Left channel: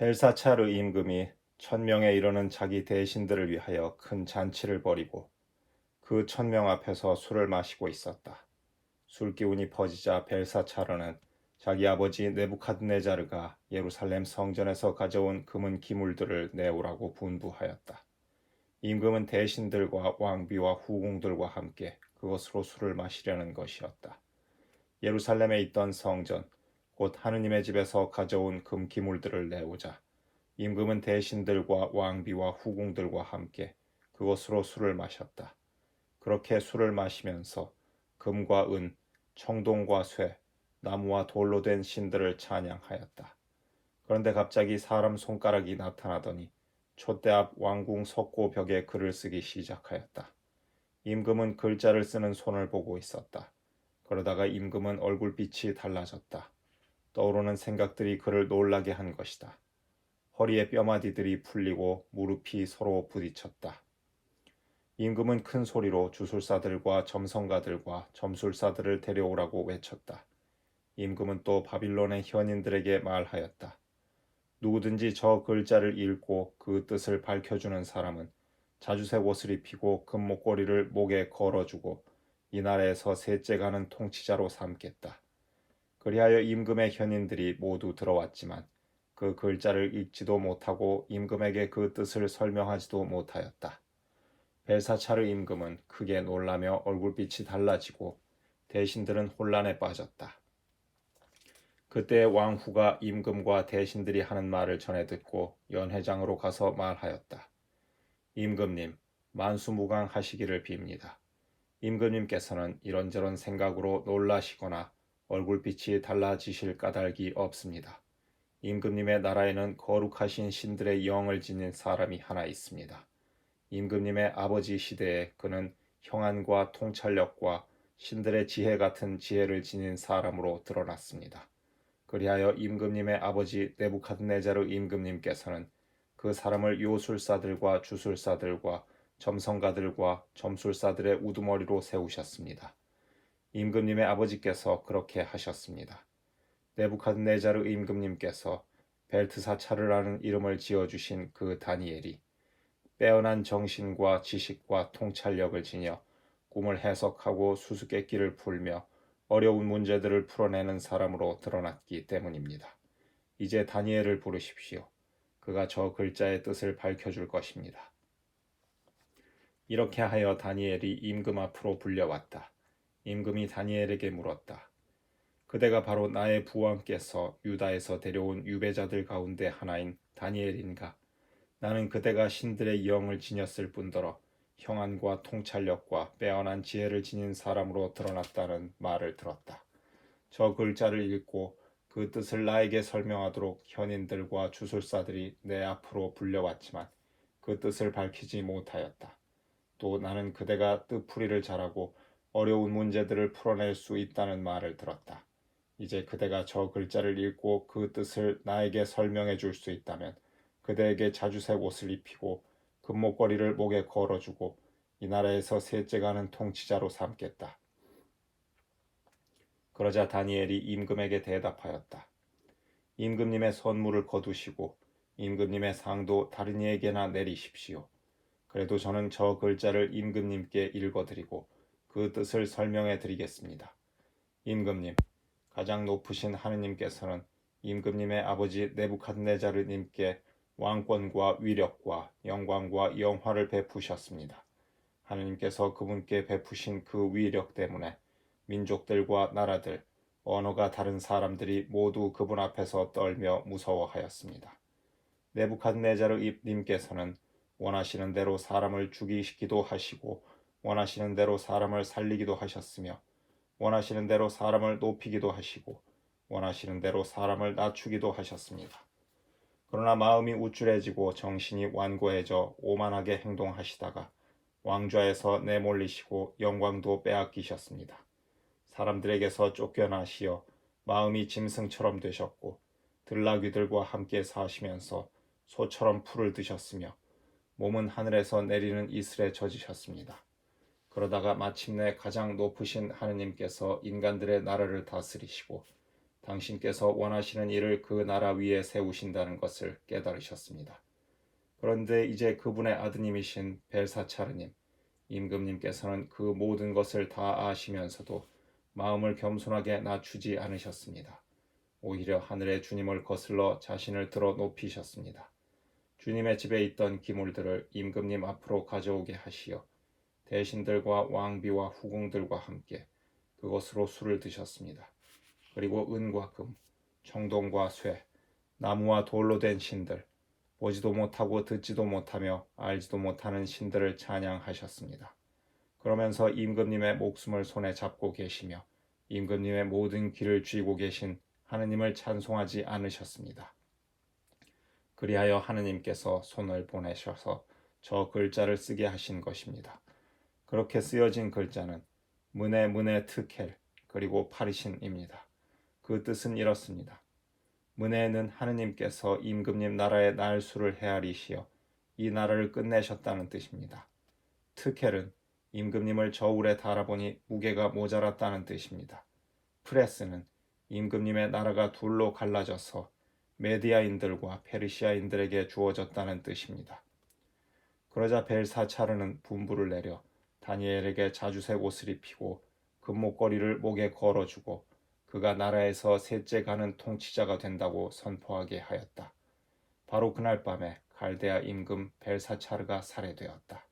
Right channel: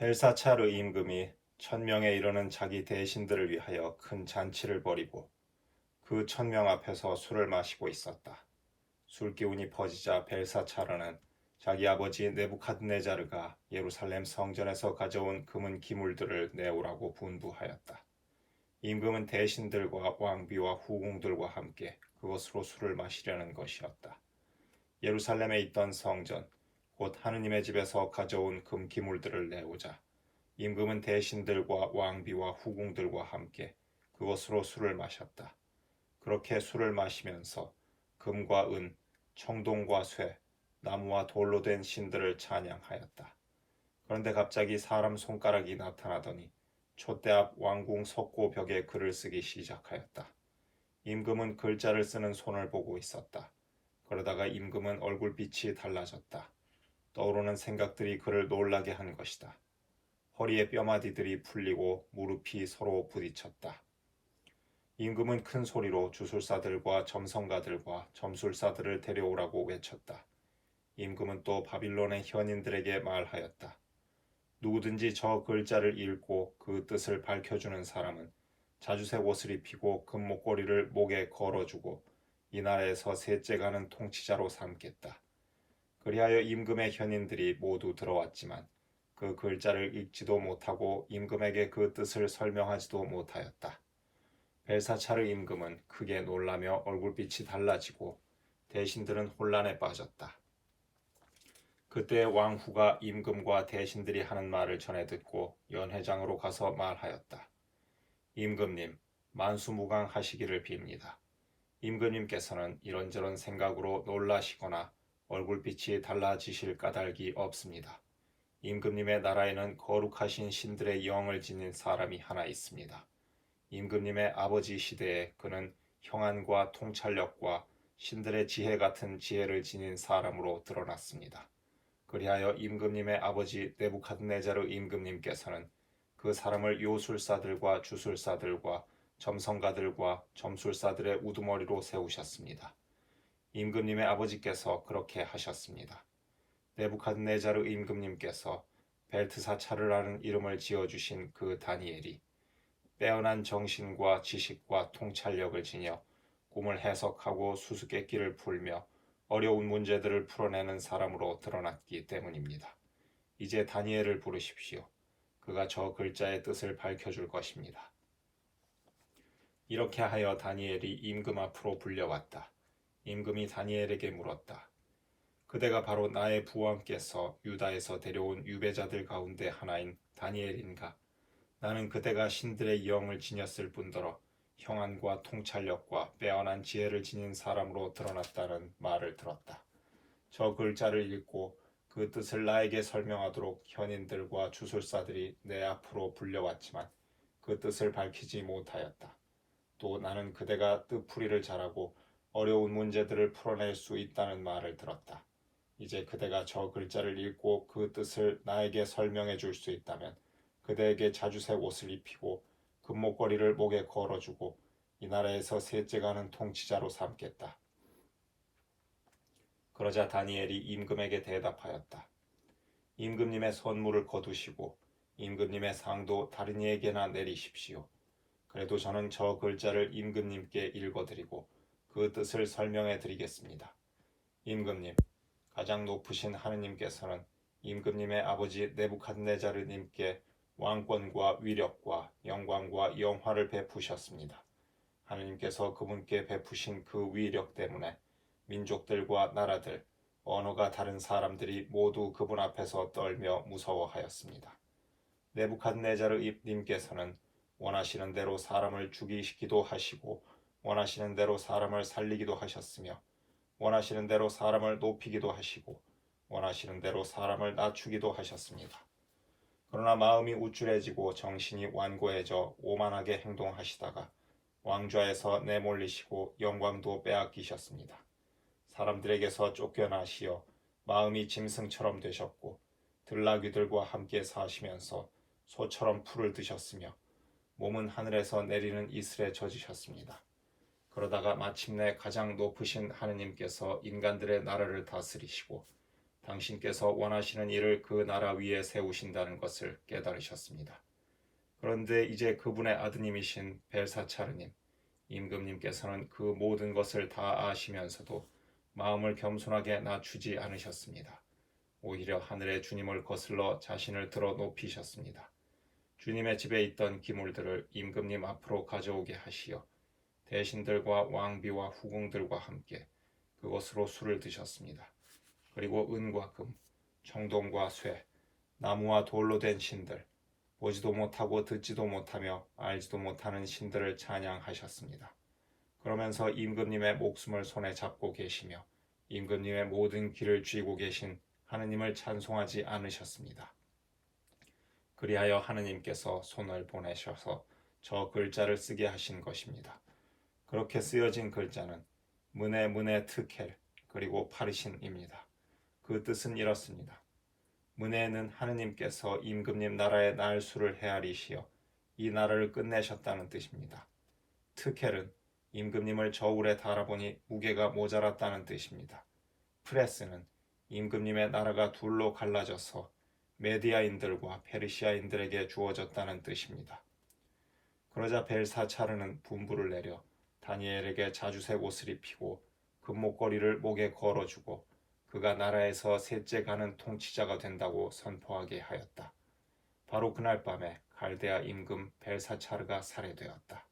벨사차르 임금이 1000명에 이르는 자기 대신들을 위하여 큰 잔치를 벌이고 그 1000명 앞에서 술을 마시고 있었다. 술기운이 퍼지자 벨사차르는 자기 아버지 네부카드네자르가 예루살렘 성전에서 가져온 금은 기물들을 내오라고 분부하였다. 임금은 대신들과 왕비와 후궁들과 함께 그것으로 술을 마시려는 것이었다. 예루살렘에 있던 성전, 곧 하느님의 집에서 가져온 금 기물들을 내오자 임금은 대신들과 왕비와 후궁들과 함께 그것으로 술을 마셨다. 그렇게 술을 마시면서 금과 은, 청동과 쇠, 나무와 돌로 된 신들을 찬양하였다. 그런데 갑자기 사람 손가락이 나타나더니 촛대 앞 왕궁 석고 벽에 글을 쓰기 시작하였다. 임금은 글자를 쓰는 손을 보고 있었다. 그러다가 임금은 얼굴빛이 달라졌다. 떠오르는 생각들이 그를 놀라게 한 것이다. 허리의 뼈마디들이 풀리고 무릎이 서로 부딪혔다. 임금은 큰 소리로 주술사들과 점성가들과 점술사들을 데려오라고 외쳤다. 임금은 또 바빌론의 현인들에게 말하였다. 누구든지 저 글자를 읽고 그 뜻을 밝혀주는 사람은 자주색 옷을 입히고 금목걸이를 목에 걸어주고 이 나라에서 셋째 가는 통치자로 삼겠다. 그리하여 임금의 현인들이 모두 들어왔지만 그 글자를 읽지도 못하고 임금에게 그 뜻을 설명하지도 못하였다. 벨사차르 임금은 크게 놀라며 얼굴빛이 달라지고 대신들은 혼란에 빠졌다. 그때 왕후가 임금과 대신들이 하는 말을 전해 듣고 연회장으로 가서 말하였다. 임금님, 만수무강하시기를 빕니다. 임금님께서는 이런저런 생각으로 놀라시거나 얼굴빛이 달라지실 까닭이 없습니다. 임금님의 나라에는 거룩하신 신들의 영을 지닌 사람이 하나 있습니다. 임금님의 아버지 시대에 그는 형안과 통찰력과 신들의 지혜 같은 지혜를 지닌 사람으로 드러났습니다. 그리하여 임금님의 아버지 네부카드네자르 임금님께서는 그 사람을 요술사들과 주술사들과 점성가들과 점술사들의 우두머리로 세우셨습니다. 임금님의 아버지께서 그렇게 하셨습니다. 네부카드네자르 임금님께서 벨트사차르라는 이름을 지어주신 그 다니엘이 빼어난 정신과 지식과 통찰력을 지녀 꿈을 해석하고 수수께끼를 풀며 어려운 문제들을 풀어내는 사람으로 드러났기 때문입니다. 이제 다니엘을 부르십시오. 그가 저 글자의 뜻을 밝혀줄 것입니다. 이렇게 하여 다니엘이 임금 앞으로 불려왔다. 임금이 다니엘에게 물었다. 그대가 바로 나의 부왕께서 유다에서 데려온 유배자들 가운데 하나인 다니엘인가? 나는 그대가 신들의 영을 지녔을 뿐더러 형안과 통찰력과 빼어난 지혜를 지닌 사람으로 드러났다는 말을 들었다. 저 글자를 읽고 그 뜻을 나에게 설명하도록 현인들과 주술사들이 내 앞으로 불려왔지만 그 뜻을 밝히지 못하였다. 또 나는 그대가 뜻풀이를 잘하고 어려운 문제들을 풀어낼 수 있다는 말을 들었다. 이제 그대가 저 글자를 읽고 그 뜻을 나에게 설명해 줄 수 있다면 그대에게 자주색 옷을 입히고 금목걸이를 목에 걸어주고 이 나라에서 셋째 가는 통치자로 삼겠다. 그러자 다니엘이 임금에게 대답하였다. 임금님의 선물을 거두시고 임금님의 상도 다른 이에게나 내리십시오. 그래도 저는 저 글자를 임금님께 읽어드리고 그 뜻을 설명해 드리겠습니다. 임금님, 가장 높으신 하느님께서는 임금님의 아버지 네부카드네자르님께 왕권과 위력과 영광과 영화를 베푸셨습니다. 하느님께서 그분께 베푸신 그 위력 때문에 민족들과 나라들, 언어가 다른 사람들이 모두 그분 앞에서 떨며 무서워하였습니다. 네부카드네자르 님께서는 원하시는 대로 사람을 죽이시기도 하시고 원하시는 대로 사람을 살리기도 하셨으며 원하시는 대로 사람을 높이기도 하시고 원하시는 대로 사람을 낮추기도 하셨습니다. 그러나 마음이 우쭐해지고 정신이 완고해져 오만하게 행동하시다가 왕좌에서 내몰리시고 영광도 빼앗기셨습니다. 사람들에게서 쫓겨나시어 마음이 짐승처럼 되셨고 들나귀들과 함께 사시면서 소처럼 풀을 드셨으며 몸은 하늘에서 내리는 이슬에 젖으셨습니다. 그러다가 마침내 가장 높으신 하느님께서 인간들의 나라를 다스리시고 당신께서 원하시는 일을 그 나라 위에 세우신다는 것을 깨달으셨습니다. 그런데 이제 그분의 아드님이신 벨사차르님, 임금님께서는 그 모든 것을 다 아시면서도 마음을 겸손하게 낮추지 않으셨습니다. 오히려 하늘의 주님을 거슬러 자신을 들어 높이셨습니다. 주님의 집에 있던 기물들을 임금님 앞으로 가져오게 하시어 대신들과 왕비와 후궁들과 함께 그것으로 술을 드셨습니다. 그리고 은과 금, 청동과 쇠, 나무와 돌로 된 신들, 보지도 못하고 듣지도 못하며 알지도 못하는 신들을 찬양하셨습니다. 그러면서 임금님의 목숨을 손에 잡고 계시며 임금님의 모든 길을 쥐고 계신 하느님을 찬송하지 않으셨습니다. 그리하여 하느님께서 손을 보내셔서 저 글자를 쓰게 하신 것입니다. 그렇게 쓰여진 글자는 문에 트켈 그리고 파르신입니다. 그 뜻은 이렇습니다. 문에는 하느님께서 임금님 나라의 날수를 헤아리시어 이 나라를 끝내셨다는 뜻입니다. 트켈은 임금님을 저울에 달아보니 무게가 모자랐다는 뜻입니다. 프레스는 임금님의 나라가 둘로 갈라져서 메디아인들과 페르시아인들에게 주어졌다는 뜻입니다. 그러자 벨사차르는 분부를 내려 다니엘에게 자주색 옷을 입히고 금목걸이를 목에 걸어주고 그가 나라에서 셋째 가는 통치자가 된다고 선포하게 하였다. 바로 그날 밤에 갈대아 임금 벨사차르가 살해되었다.